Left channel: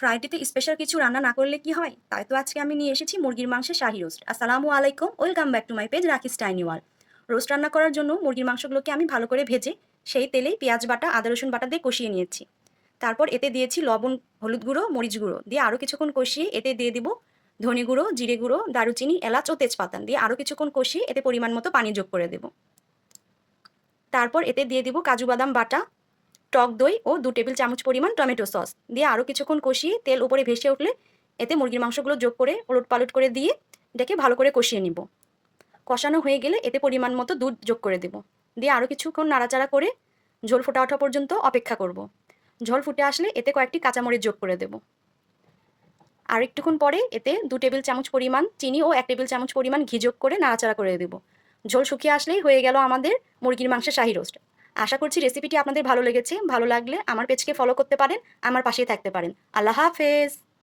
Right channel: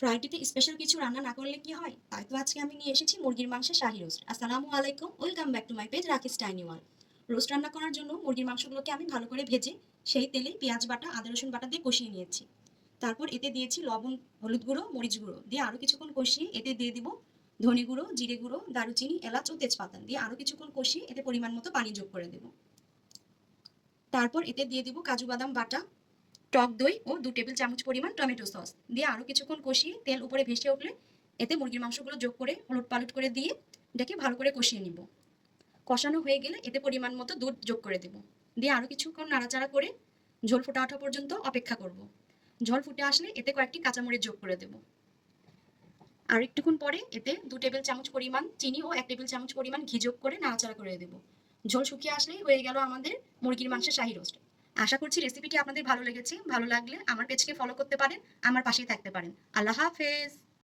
ফ্রাইডেতে special কিছু রান্না না করলে কি হয়? তাই তো আজকে আমি নিয়ে এসেছি মুরগির মাংসের শাহী রোস্ট। আসসালামু আলাইকুম, welcome back to my page Rakis tiny world. Roast রান্না করার জন্য মুরগির মাংসগুলোকে আমি ভালো করে ভেজে সেই তেলেই পেঁয়াজ বাটা, আদা রসুন বাটা দিয়ে কষিয়ে নিয়েছি। তারপর এতে দিয়েছি লবণ, হলুদ গুঁড়ো, মরিচ গুঁড়ো দিয়ে আরও কিছুক্ষণ কষিয়ে এতে দিয়ে দিব ধনে গুঁড়ো, জিরে গুঁড়ো, দারুচিনি, এলাচ ও তেজপাতা দিয়ে আরও কিছুক্ষণ কষিয়ে এতে পরিমাণ মতো পানি যোগ করে দেব। তারপর এতে দিয়ে দিব কাজু বাদাম বাটা, টক দই ও 2 টেবিল চামচ পরিমাণ টমেটো সস দিয়ে আরও কিছুক্ষণ কষিয়ে তেল উপরে ভেসে উঠলে এতে মুরগির মাংসগুলো যোগ করে ওলটপালট করে দিয়ে এটাকে ভালো করে কষিয়ে নিব। কষানো হয়ে গেলে এতে পরিমাণ মতো দুধ যোগ করে দেব, দিয়ে আরও কিছুক্ষণ নাড়াচাড়া করে ঝোল ফোটা ওঠা পর্যন্ত অপেক্ষা করব। ঝোল ফুটে আসলে এতে কয়েকটি কাঁচামরিচ যোগ করে দেব। আর একটুক্ষণ পরে এতে 2 টেবিল চামচ পরিমাণ চিনি ও 1 টেবিল চামচ পরিমাণ ঘি যোগ করে নাড়াচাড়া করে দেব। ঝোল শুকিয়ে আসলেই হয়ে গেল আমাদের মুরগির মাংসের শাহী রোস্ট। আশা করছি রেসিপিটি আপনাদের ভালো লেগেছে। ভালো লাগলে আমার পেজকে ফলো করতে পারেন, আমার পাশেই থাকতে পারেন। আল্লাহ হাফেজ।